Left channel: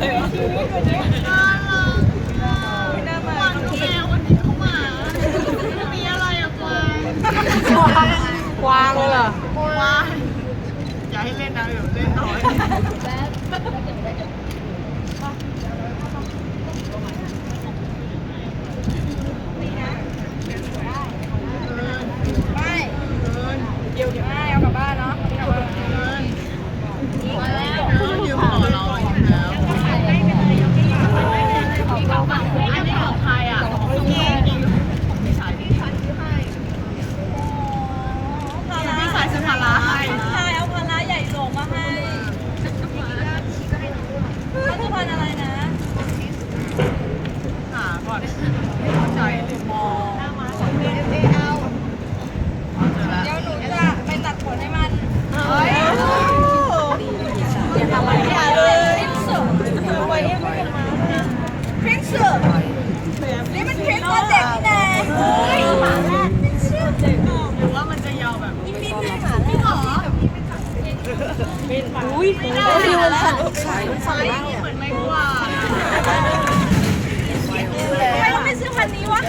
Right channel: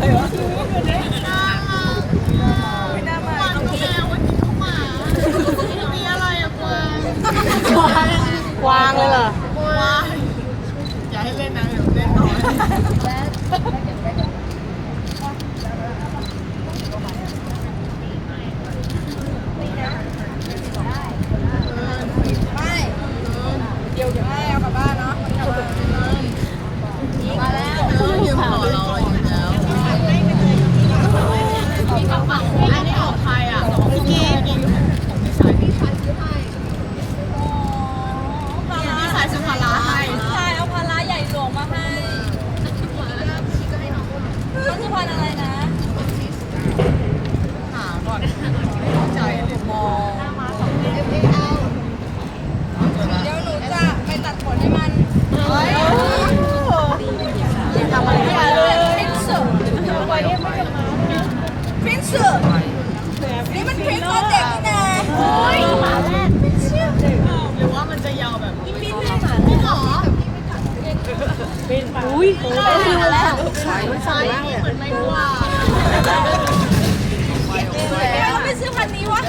กวางกวางเลยเหรอวางอย่าให้เล่นนะเดี๋ยวเล่นน้อย ไม่เดี๋ยวไม่เอากลับบ้านเนาะกลับบ้านมาแล้ว เออยืมต่อเราอีกแล้วอันนี้ของใครอะของพี่ดิงของพี่ชายพี่ชายซื้อให้พี่ชายซื้อพาราให้ ชายเอาพาราใหญ่หลวงมาให้มันคือ พันอะไรนะ หาก่อนไม่เข้าใจเลยมองเจอแล้ว เดี๋ยวหนูจะไปตัดขนให้มัน เฮ้ย ทำไมไม่เลยพรินซ์พรินซ์นี่มันพรินซ์ตอนเด็กนี่นะ หรือว่ามันจะยาวแบบนี้ไม่หรอ อุ้ยโอ้ยใช่เหมือนไม่กว่าทำไมเราไม่ซื้อพันนี้วะ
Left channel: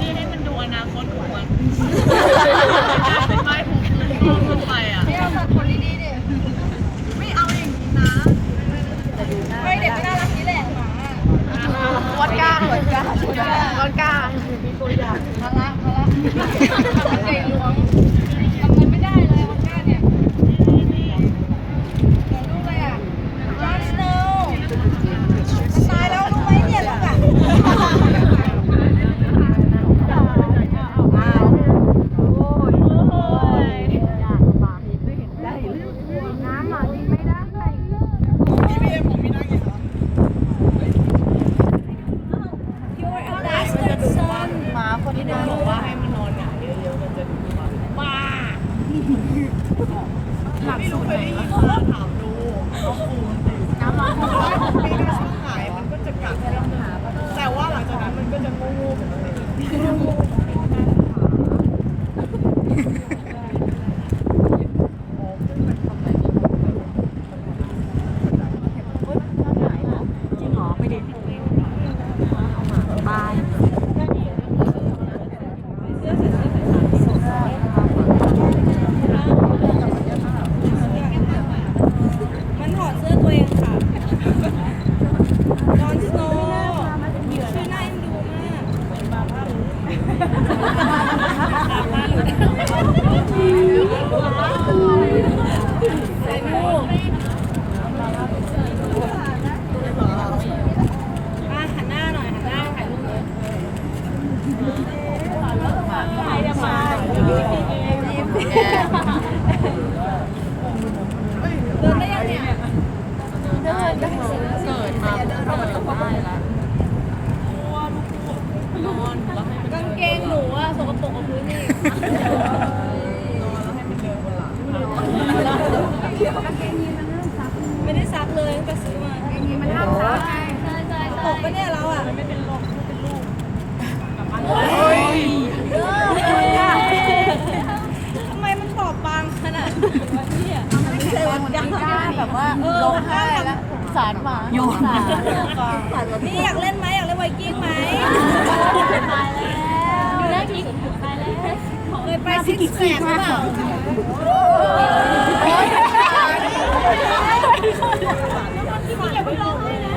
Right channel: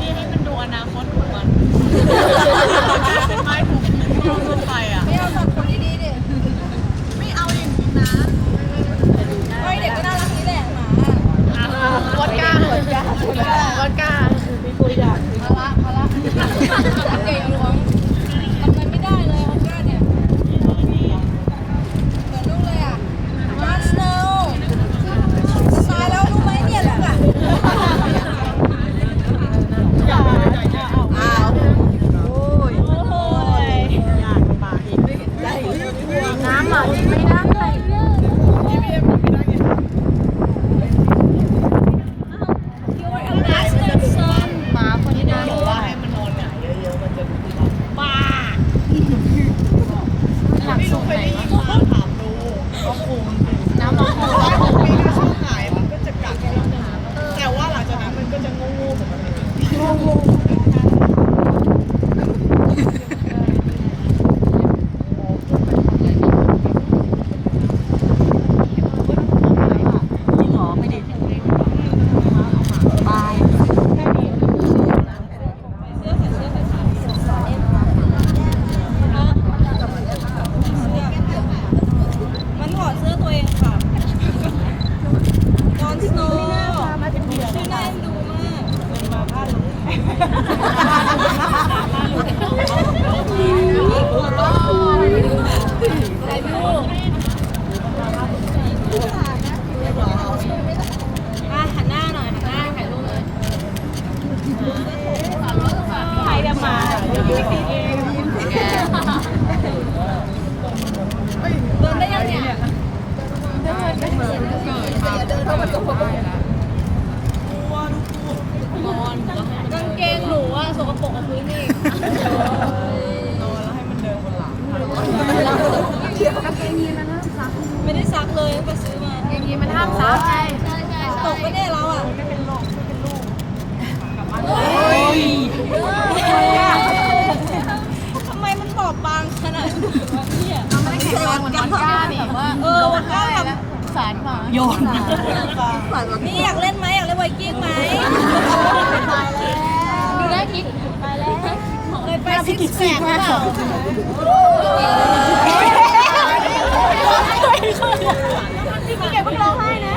นี่ให้มันดูอนาคตของมัน here. Come on. กปรกกับพื้นอีกนอนแล้วให้มันเดินบนหลังไม่ได้ซักเลยตั้งแต่ซื้อมาอย่างนี้มันห้ามซักตกปะเนี่ยเราอะทำไมมันบอบบางขนาดนี้วะเนี่ยใส่วันก้าเออวันก้าทำสารมาโยนนี่อยากเล่นไหมอยากเล่นไวกิ้งไหม ดูได้ทีไปแล้ว เคยไปซิกแซกหรือเปล่าพี่กิ๊กเพิ่งร้องไห้นะ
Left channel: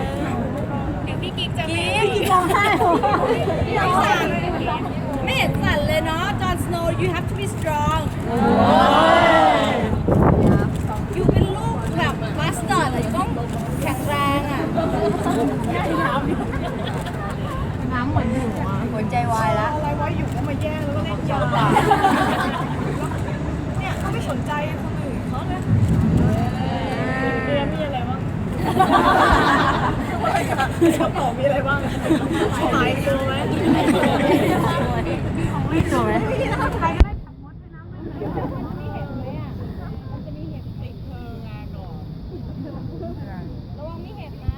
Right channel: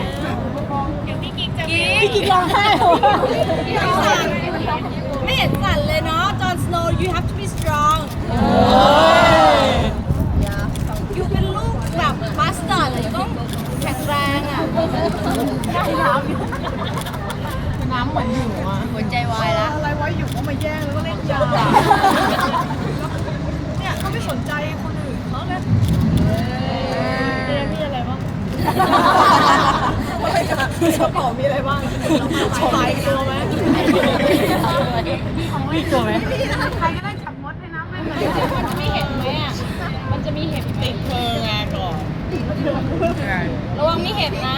เดี๋ยวพี่กิ๊กจะพี่กิ๊กร้องไห้เหรอไม่สั่นไม่เห็นสั่นเลยเนาะจอห์นสโนว์ you have to be strong อยู่เป็นลูกแบบมาสเตอร์เลยต้องแข็งแรงอะน้ำเหมือนอยู่อะ หัวใจวายแล้ว อะไรวะอยู่ก็มาแย่งแล้วก็เล่นยาเนี่ยก็ไม่สนใจคนอื่นเขาเลยเรียนมีอะไรบ้างกระเป๋ามีอะไรบ้างขายตัวไหมมีตัวไหมใครก็ได้ขับมดไปนะไม่มันจะมีเห็บไหมอะ มันจะมีเห็บติดเธอไงก่อนระวังมีเห็บนะ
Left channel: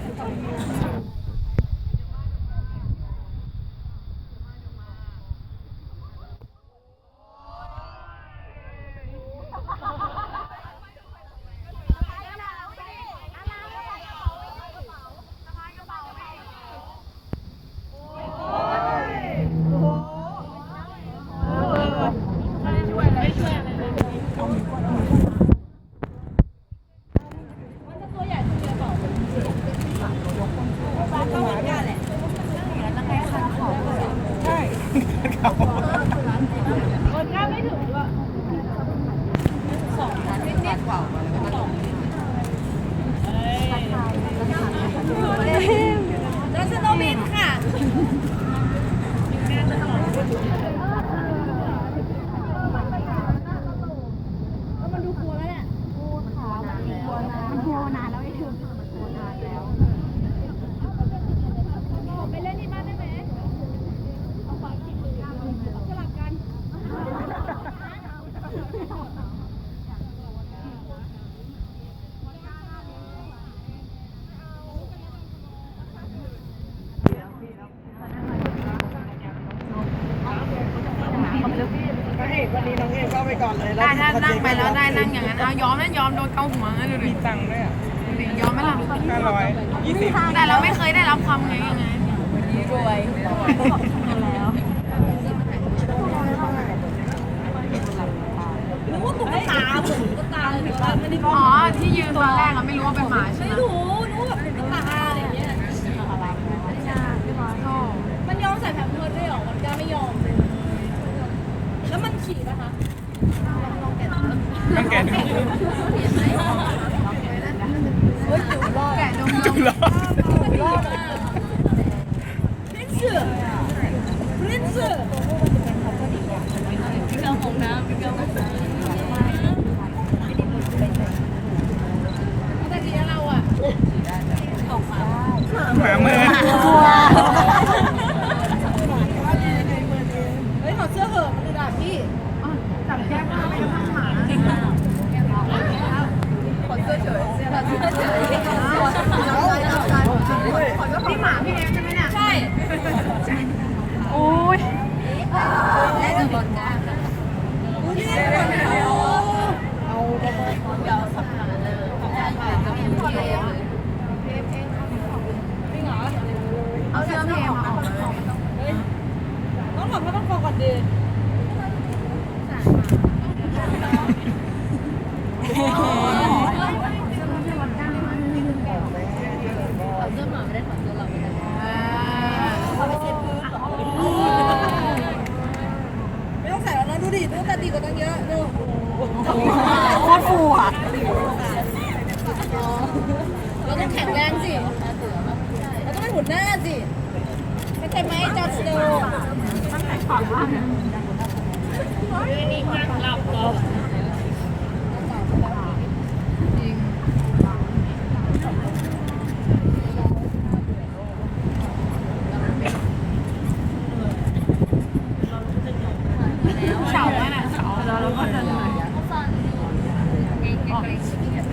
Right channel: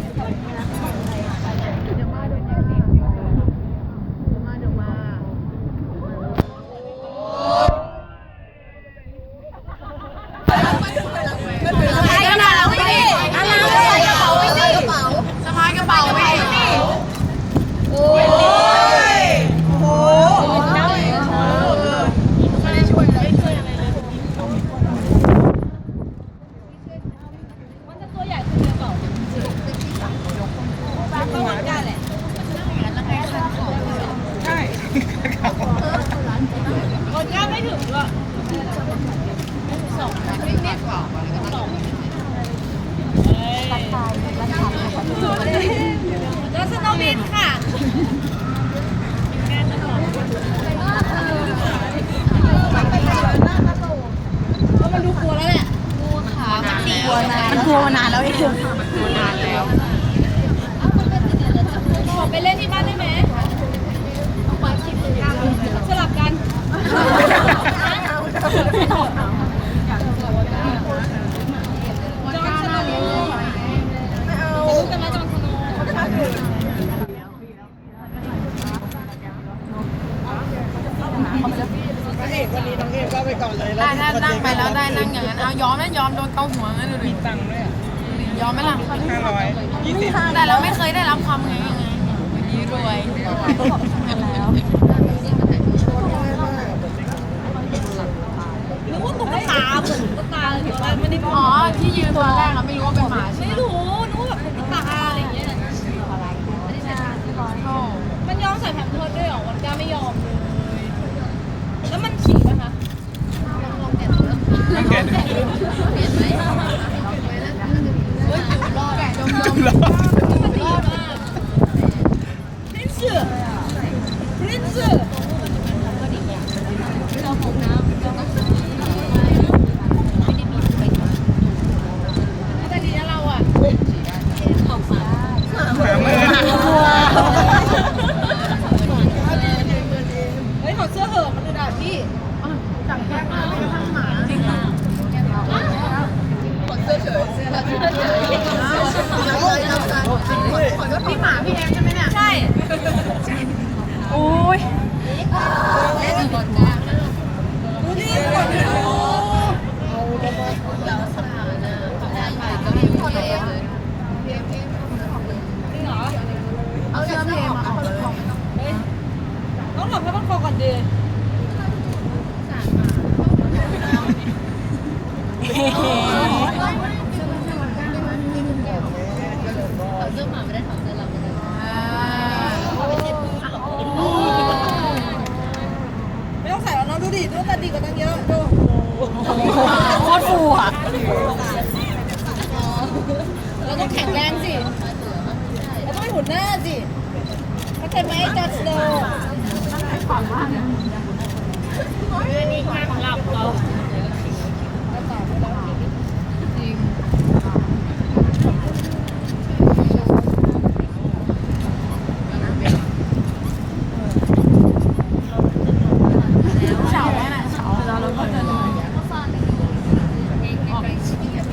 จอห์นสโนว์รู้กันไหมจอห์นสโนว์พระเอกวันนี้น้องเอมก็ไปก่อนเลยแล้วได้ถ้นั่งไปแล้วได้นั่งอย่างนั้นเอายอมนั่นยอมโดนเกาหัวงั้นเลยมีตังค์ด้วยอะยอมไหมล่ะห้าร้อยยี่สิบแต่เราไม่เคยได้รับความไงไงยี่รวยก็บอกทำงานแล้ว นึกว่าตุ๊กตาเหมือน ตุ๊กตาเลยแต่ว่าไม่ได้อ๋อที่ยืนตอนแรกเราไม่รู้ว่าเป็นหมาใช่ไม่ไหมรู้นึกว่าแบบตุ๊กตาอะไรอย่างเงี้ยเข้ามันยอมใส่แผ่นเพิร์ดด้วยเหรอวันก้าไม่ยอมเลยแล้วมันขี่ไหมคะต้องแกะดูเฮ้ยจุดรอดจุดรอดมันดีมากพรินซ์พรินซ์แต่ดีนะเราอะ หมาเมิน เฮ้ยถอดเสื้อเหอะมันดูด่าพี่ ใช่ โอ้ย ดูดิกดดูจริงเหรอ เอาเสื้อเพลงออกเลย เฮ้ยต้องหลับให้มันคอก่อนดีไม่ต้องใส่แล้วเนาะดูดิดูแต่ดีกว่าตั้งเยอะดู โคตรฟูอะ เราต้องแข็งแรงสิ เราต้องเป็นหุ่นหน้าสิ เข้าใจไหมจอร์จโดเสาอะเสาเราเราก็จะ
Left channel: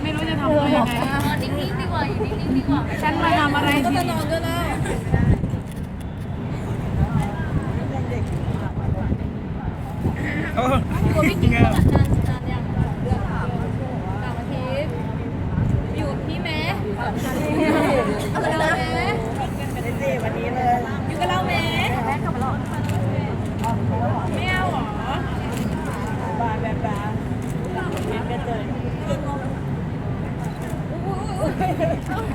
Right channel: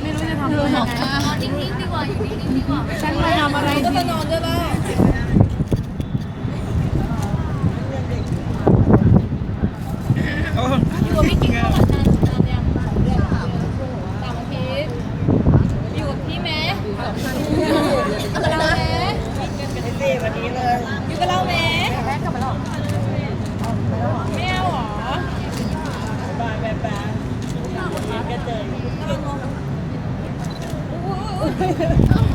ไม่รู้จะทำอะไรฉันมาทำอะไรก็ที่จะนอนด้วยแล้ว โอ้อยู่กับพี่กิ๊กมาวันนานนานยังสองเดือนแล้วสามอาทิตย์อยู่กับพี่แม้อยู่กับเราแม้ไอเต้วันนี้เลยอยู่กับเราแม้ไม่เอาเหรอบาแบบแบบเห็นกันเลยไป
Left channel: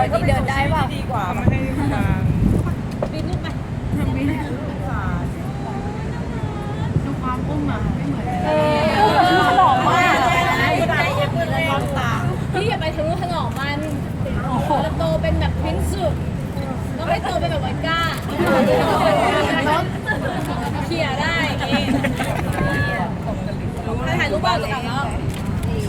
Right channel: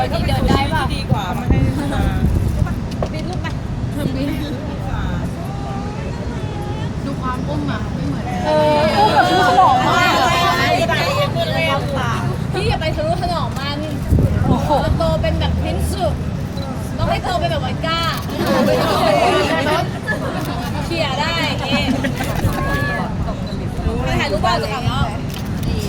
อยเดินได้เปล่า ดีกว่า ทำให้ บินลูกไปบิน